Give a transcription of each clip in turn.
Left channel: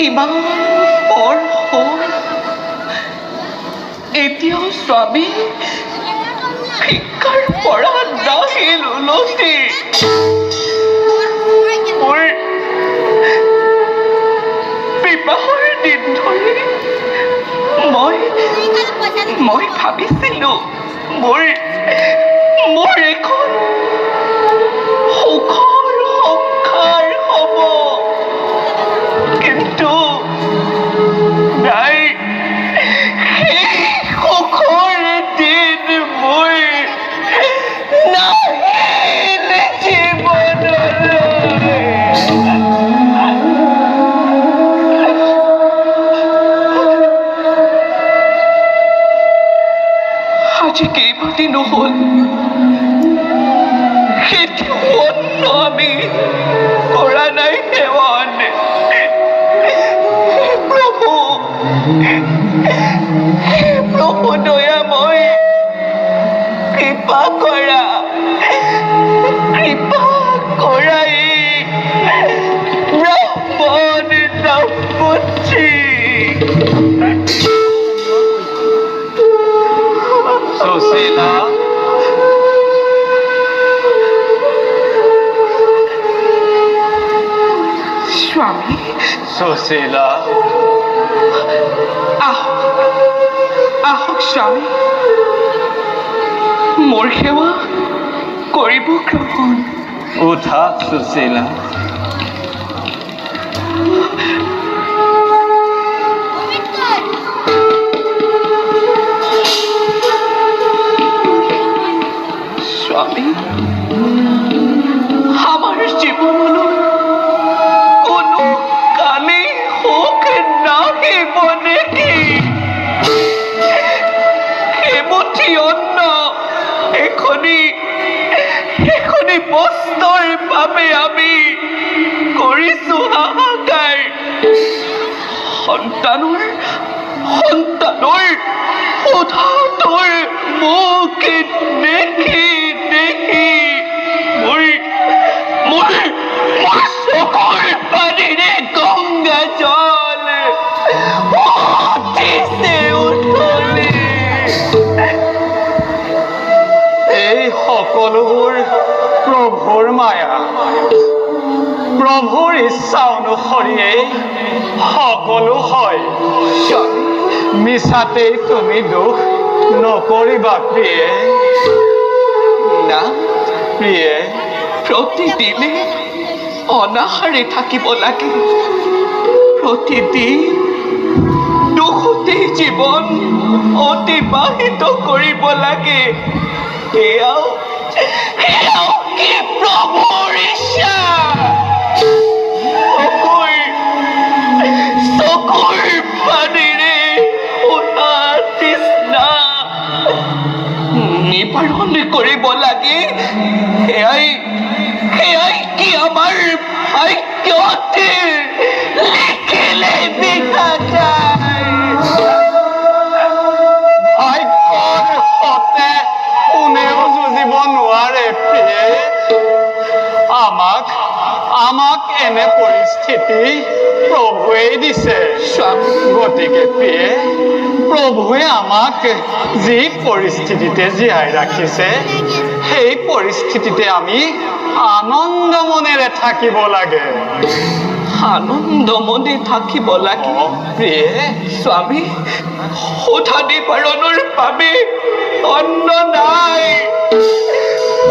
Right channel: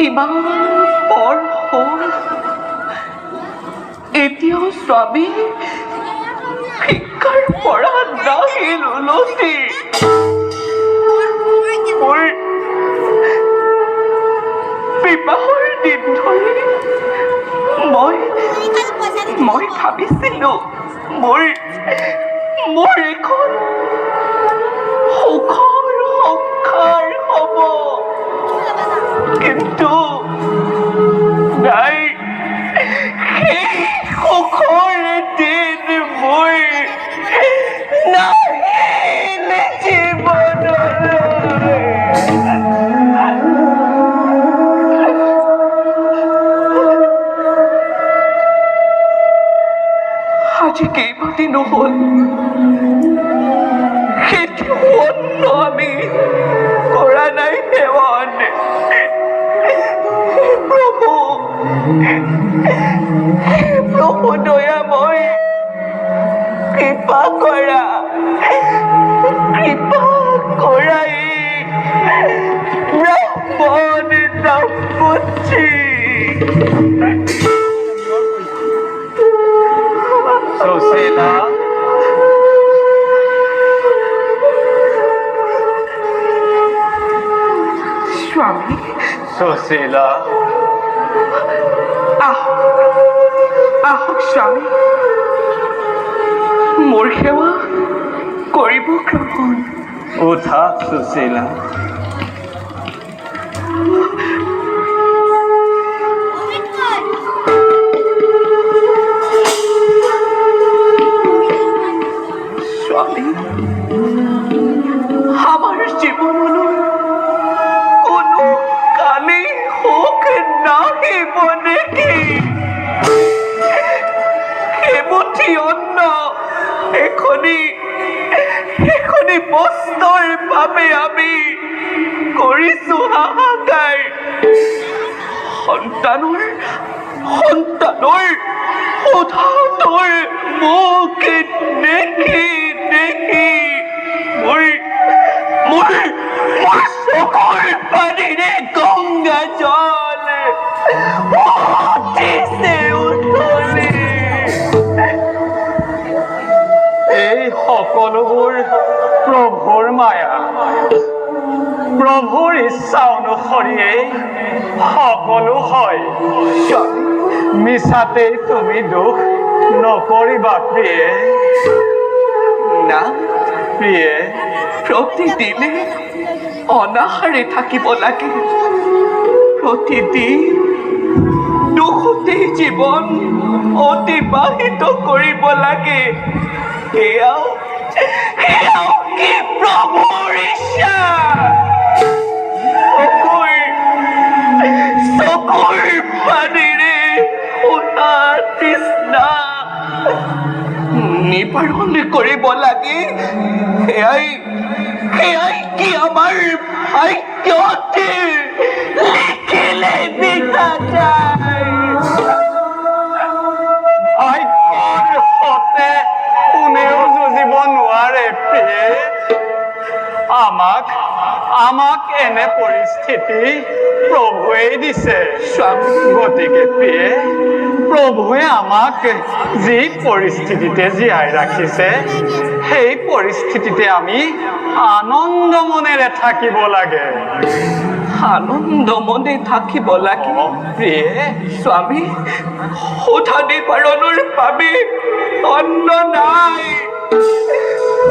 ইমান পৰ হ'ল এতিয়াও স্বামী শিক্ষাৰ পৰা নাহিল উলটি মোৰ বিবাহৰ দিন ধৰি মই ভাবিছিলোঁ মোৰ এখন সুখৰ সংসাৰ হ'ব কিন্তু নাই সেই সুখৰ দিন মোৰ নাহিল জীৱনলৈ আজি কেইবাদিন হ'ল অন্ন আমি কৰা নাই সেৱন প্ৰভু দয়াময় কৃপা কৰাই ব্ৰাহ্মণ দম্পতি সুশীলা স্বামী সুশীলা আহক স্বামী মোৰ সেৱা কৰিব গ্ৰহণ উঠা সুশীলা স্বামী আমাৰ জীবনলৈ কোনো কালেই সুখ নাহিব নেকি এমুঠি অন্ন এখনি বস্তুৰ বাবে আমি কৰিছোঁ হাহাকাৰ সন্তানৰ উধাতৰ মুখ দেখি মোৰ চকুৰ পানীৰে গংগা জল উঠিছে উঠলি এই সকলোবোৰ প্ৰভুৰ মায়া প্ৰভুৰ ইচ্ছা অনুসৰিয়েই সকলো হয় মিছাতেই তুমি দুখ নকৰিবা প্ৰিয়ে না প্ৰিয়ে প্ৰতিদিনে অনাহাৰে থাকিব লাগে প্ৰতিদিন দুখতে জীৱন অতিবাহিত কৰিব লাগে এয়াও কি প্ৰভুৰ ইচ্ছা চকুৰ পানীৰে শুনা তৃষ্ণা নিবাৰণ কৰিব লাগে সেয়াই কি আমাৰ ভাগ্যতে লিখিলে দেখা যায় ভাগ্যৰ সতে কোনেও যুঁজিব নোৱাৰে প্ৰিয়ে আমাক এনে পৰিস্থিতি প্ৰভুৱেই দিছে গতিকে প্ৰিয়ে প্ৰভুৱে আমাক যি পৰিস্থিতিতে জীয়াই ৰাখিছে সেই পৰিস্থিতিতে আমি আনন্দ মনেৰে থাকিব লাগে আনন্দ মনে থাকিব লাগে প্ৰিয়ে স্বামী সোধা নিবাৰণৰ বাবে অন্ন নাই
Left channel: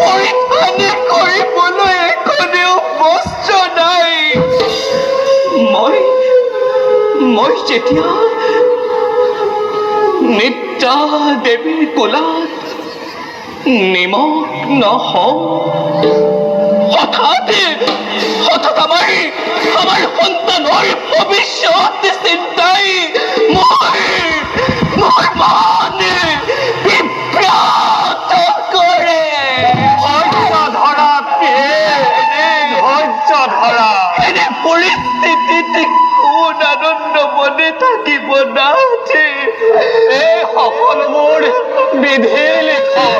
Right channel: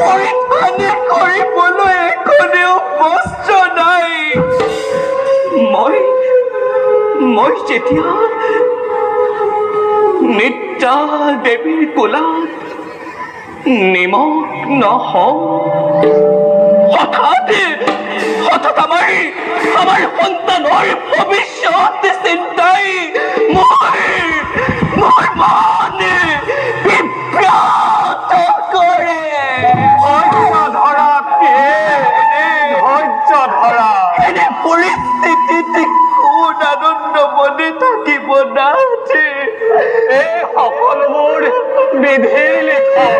পৰিধান কৰিবলৈ কোনেও বস্ত্ৰ নাই মই যেতিয়া নিত্যা দেৱীৰ কোলাত নিমগ্ন হওঁ হঠাৎ আমাৰ সন্তানৰ ভৱিষ্যত চিন্তাই মোৰ মন বিভ্ৰাট কৰে ধৈৰ্য ধৰা এনে পৰিস্থিতিত কোন আনন্দ মনে থাকিব নাহে এই সকলোবোৰ বিধিৰ লিখন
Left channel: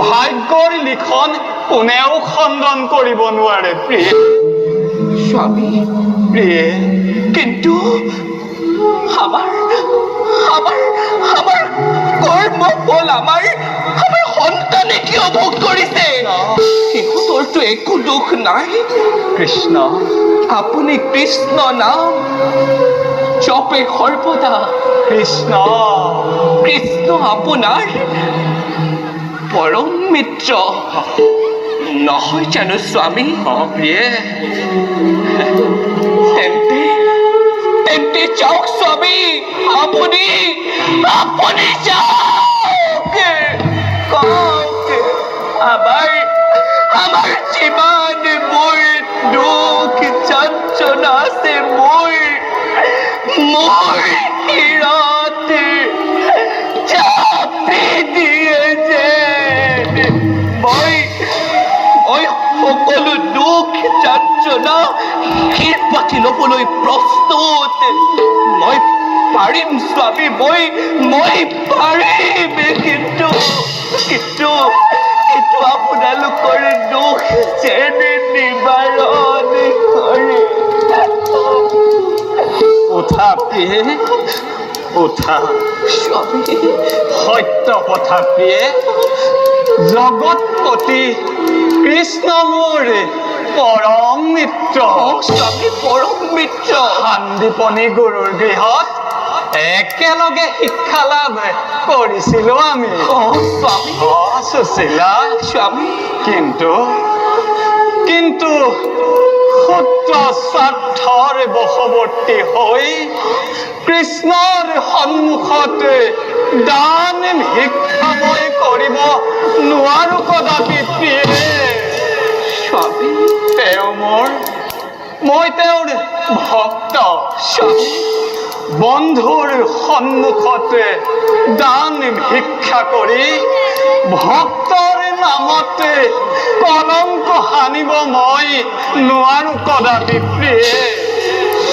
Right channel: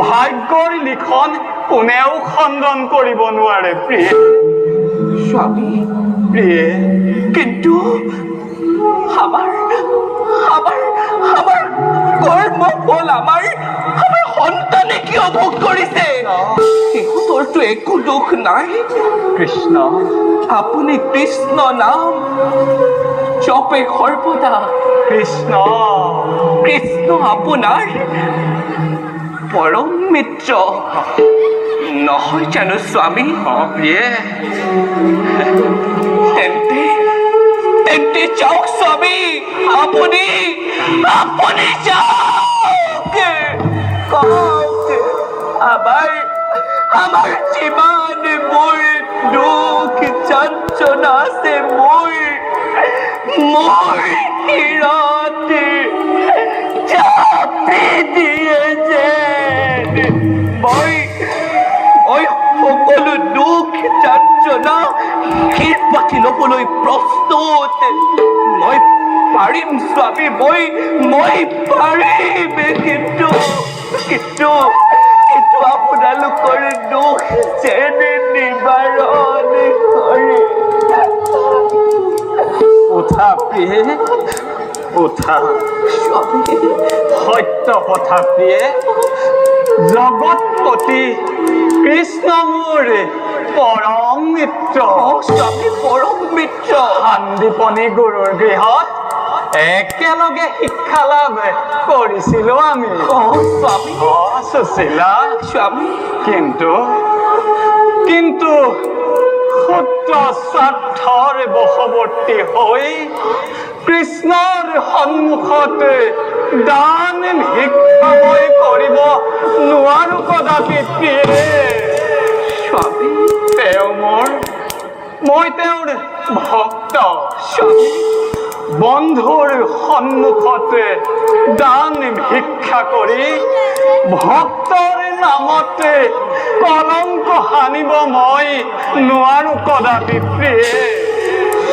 ভাগ্যৰ লিখন কোনেও খণ্ডন কৰিব নোৱাৰে প্ৰিয়ে স্বামী প্ৰিয়ে কিন্তু আমাৰ কৰ্ম ফল আমাৰ সন্তানে কিয় ভোগ কৰিছে সিহঁতৰতো একো দুখ নাই কৃষ্ণ আপুনি কৃষ্ণ নাম জপে সৰ্বদা কৃষ্ণ আপোনাৰ পৰম মিত্ৰ নহয় জানো স্বামী প্ৰিয়ে তেন্তে যাওক স্বামী আপুনি যাওক আমাৰ যিমান মোৰ দুখ যন্ত্ৰণা আছে মোৰ শিৰত চাপি দিয়ে যে মই সকলো দুখ যন্ত্ৰণা শিৰ পাতি ল'বলৈ প্ৰস্তুত মই পাৰিম স্বামী মই পাৰিম কিন্তু আপোনালোকৰ দুখ যেনে নিবাৰণ কৰে উঠা প্ৰিয়ে উঠা স্বামী সত্য কথা প্ৰিয়ে জগতপতি কৃষ্ণ মোৰ পৰম মিত্ৰ স্বামী পৰম মিত্ৰ শান্তিপনী গুৰুৰ গৃহত একেলগে শিক্ষা লাভ কৰিছিলো আমি স্বামী সুশীলা স্বামী কিন্তু সূত্ৰ স্বাৰ্থৰ বশৱৰ্তী হৈ কৃষ্ণৰ সন্মুখত দান ভিক্ষা মই কৰিব নোৱাৰো কদাপি প্ৰিয়ে স্বামী মই তেওঁৰ ভক্ত স্বামী বন্ধুৰ সন্মুখতে দান ভিক্ষা কৰি ভক্তৰ নামতে কলংক সানিব মই নোৱাৰো কদাপি প্ৰিয়ে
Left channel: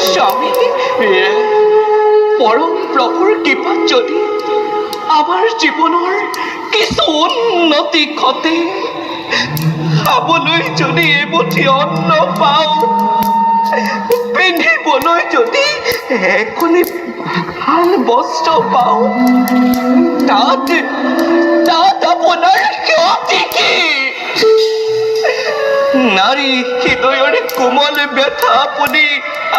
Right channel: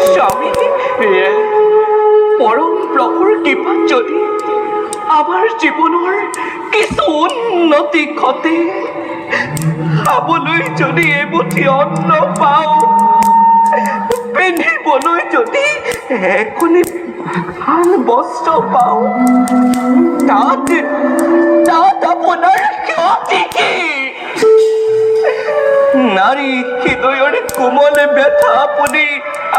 স্বামী প্ৰিয়ে পৰম প্ৰভুৰ কৃপাত যদি আমাৰ জীৱনৰ কিছু উন্নতি ঘটে খাবলৈ যদি এমুঠি অন্ন পাওঁ পিন্ধিবলৈ যদি এখনি ভাল বস্ত্ৰ পাওঁ তাত তাত আপোনাৰ ক্ষতি কি? নাৰী হৃদয়ৰ কোমল ব্যথা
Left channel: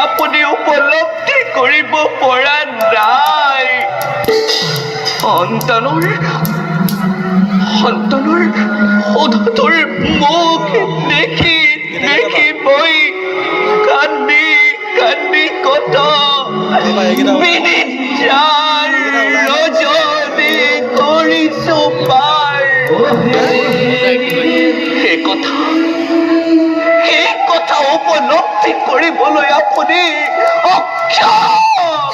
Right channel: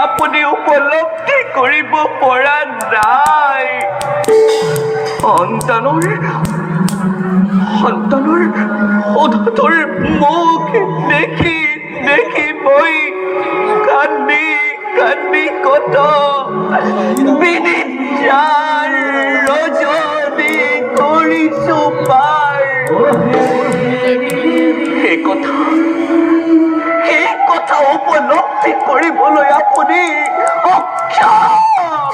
আপুনি উপলব্ধি কৰিব পৰা নাই। সন্তানৰ অধতৰ মুখ দেখি মই কান্দি কত বিনিচাৰ ৰজনী কৰিছো পাই। সেই কথা উপলব্ধি কৰিবলৈ আপুনি অক্ষম।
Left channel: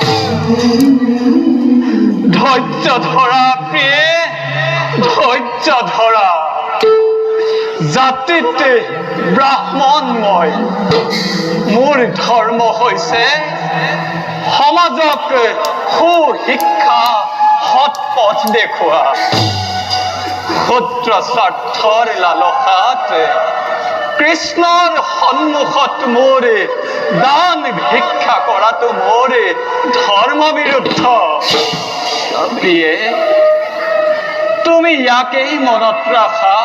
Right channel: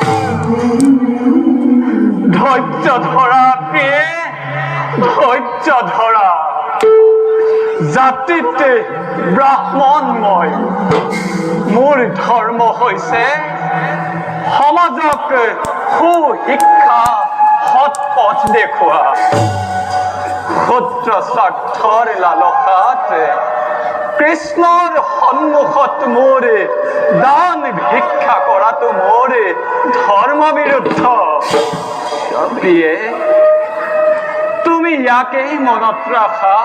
ধৈৰ্য ধৰা প্ৰিয়ে, ধৈৰ্য ধৰা। জাতিতে ব্ৰাহ্মণ মই, মোৰ ধৰ্ম হৈছে সমাজক সুশিক্ষা সৎ পথ দেখুওৱা। ক্ষুদ্ৰ স্বাৰ্থৰ লালসাত কৃষ্ণৰ সন্মুখত মোৰ দান ভিক্ষা কৰাটো মোৰ ধৰ্ম বিৰুদ্ধ। প্ৰিয়ে, তুমি ইয়াকেই মনত ৰাখা,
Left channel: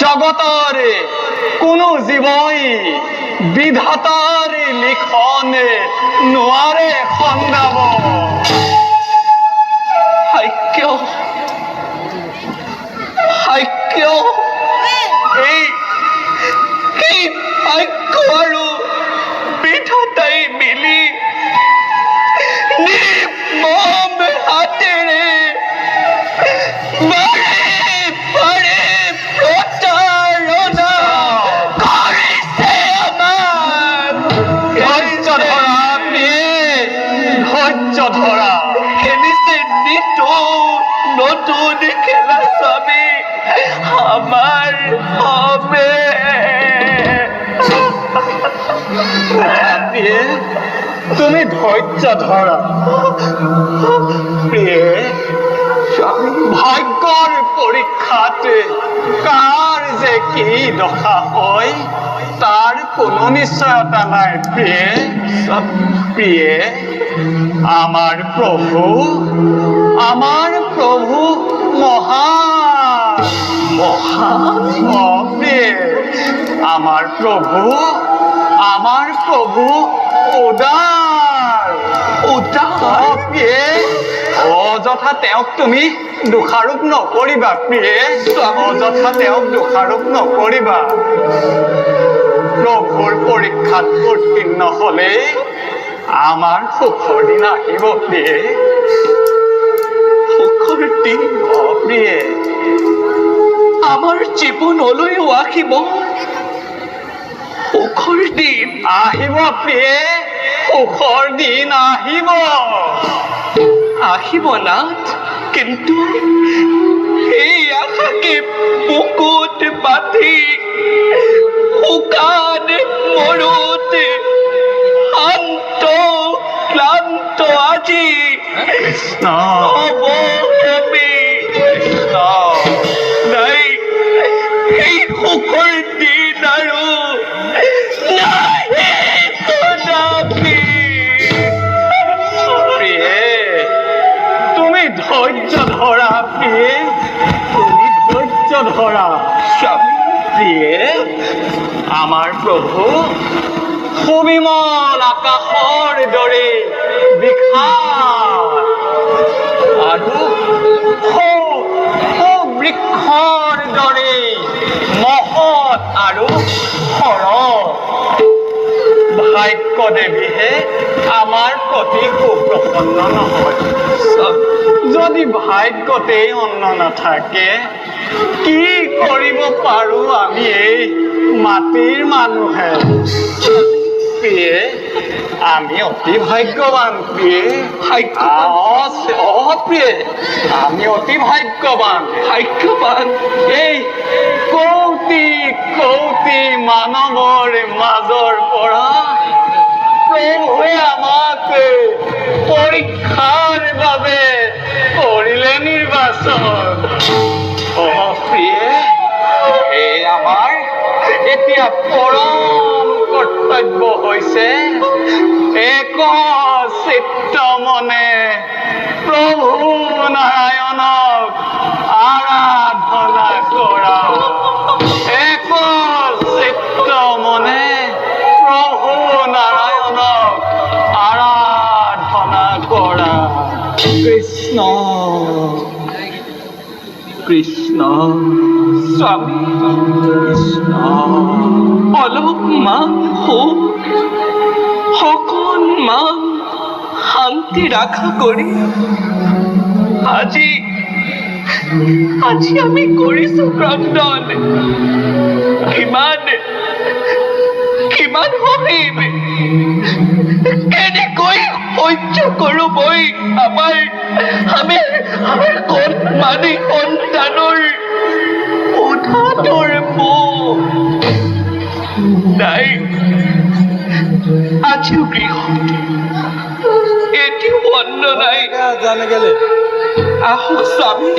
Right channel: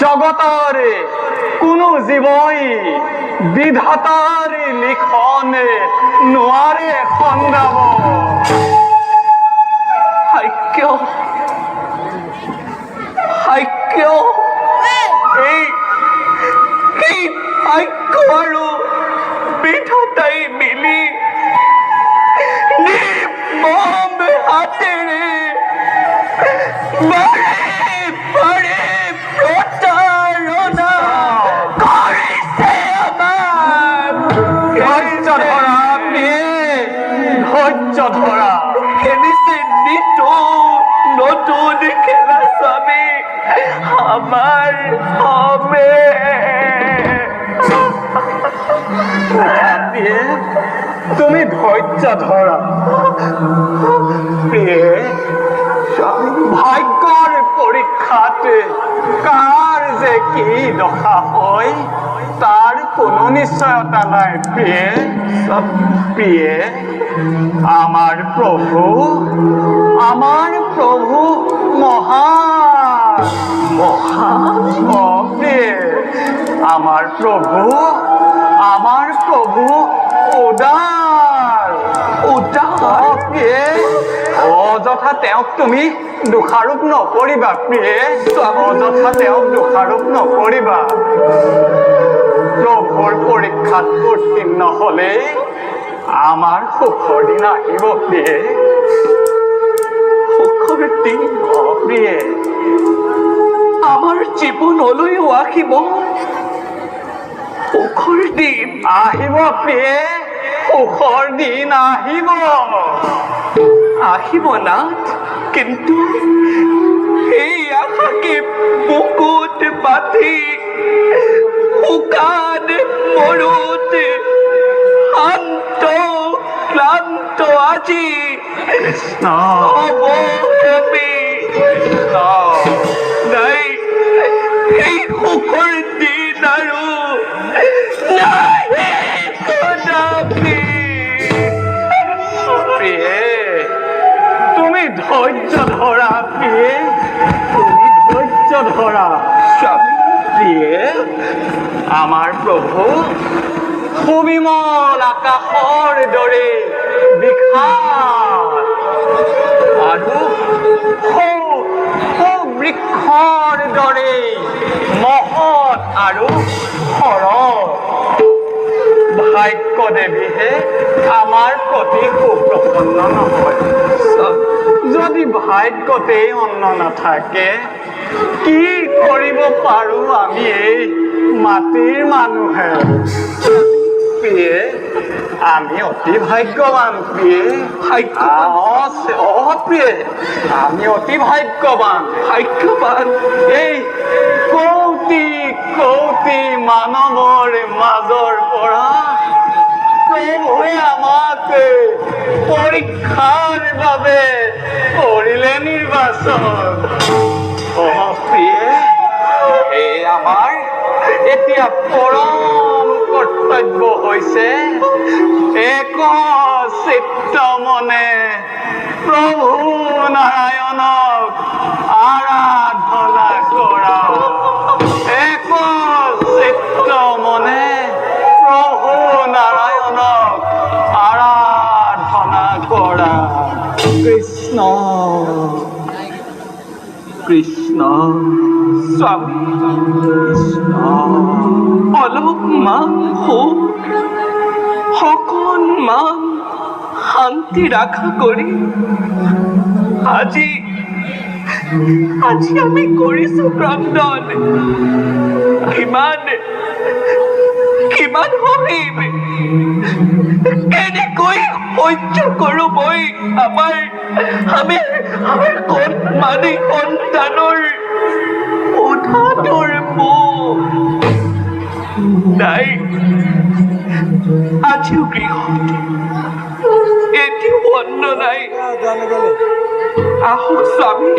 জগতৰ কোনো জীৱই বিধাতাৰ লিখন নোৱাৰে খন্দাব। এই ভাগ্য আৰু বিধাতাই মিলি নিৰ্মম হাতেৰে বাৰে প্ৰতাৰণা কৰিছে আমাক। ধৈৰ্য ধৰা প্ৰিয়ে, ধৈৰ্য ধৰা। খেলিছে নতুন খেলা স্বামী আমাৰ হবে। প্ৰিয়ে, তুমি ধৈৰ্য ধৰা। প্ৰিয়ে, ভাগ্যৰ পৰীক্ষাত কাৰ যে কি দশা হয় তাৰ কোনো নিশ্চয়তা নাই। প্ৰিয়ে, আমাৰ প্ৰভু মহান। প্ৰিয়ে, আমাৰ প্ৰভু উদাৰ। প্ৰিয়ে, অযথা তেওঁক তুমি দোষাৰোপ নকৰিবা। প্ৰিয়ে, অযথা তেওঁক দোষাৰোপ নকৰিবা। প্ৰভুৰ পৰীক্ষাত উত্তীৰ্ণ হলে আমাৰ সুখৰ দিন আহিব। প্ৰিয়ে, সুখৰ দিন প্ৰিয়ে, আমাৰ জীৱনলৈও আহিব সুখৰ দিন। আহিব প্ৰিয়ে, সুখৰ দিন আহিব নাথ, কিন্তু সেই আশাকে বুকুত বান্ধি শুকান মৰুত ক্লান্ত আজি নাই সেই সুখৰ দিন আৰু তুমি ধৈৰ্য ধৰা। প্ৰিয়ে, তুমি ধৈৰ্য ধৰা। প্ৰিয়ে, আমাৰ প্ৰভু সুবিমল আকাশৰ দৰে বিশাল আৰু বৃক্ষৰ দৰে মহৎ আৰু সৰল। ভাগ্য দেৱীহে আমাৰ প্ৰতি সুপ্ৰসন্ন নহয়। যদি ভাগ্যতেই অন্ন নাথাকে কি কৰিব পাৰো আমি এই মাটিৰ মানুহে? প্ৰিয়ে, আমি অতি ভাগ্যৱান। প্ৰিয়ে, প্ৰিয়ে, আমি অতি ভাগ্যৱান। এই কৌটি মানৱৰ মাজৰ পৰা প্ৰভুৱে আমাক পৰীক্ষাৰ বাবে কৰিলে নিৰ্বাচন। প্ৰিয়ে, এই আমাৰ এতিয়া পৰম কৰ্তব্য হৈছে এক চিত্ত মনে প্ৰভু নাৰায়ণক কৃষ্ণ স্বামী কৃষ্ণ অলপমান হোক অকণমান শান্তি ৰক্ষা কৰি আজি আমি কৰিছো ক্ৰন্দন। কিমান সহিম, কেনেকৈ সহ্য কৰো মই আমাৰ কণমানি সন্তানৰ উঠাটোৰ মুখ নাই। আজিও গৃহত এটিও অন্ন নাই। আহক স্বামী।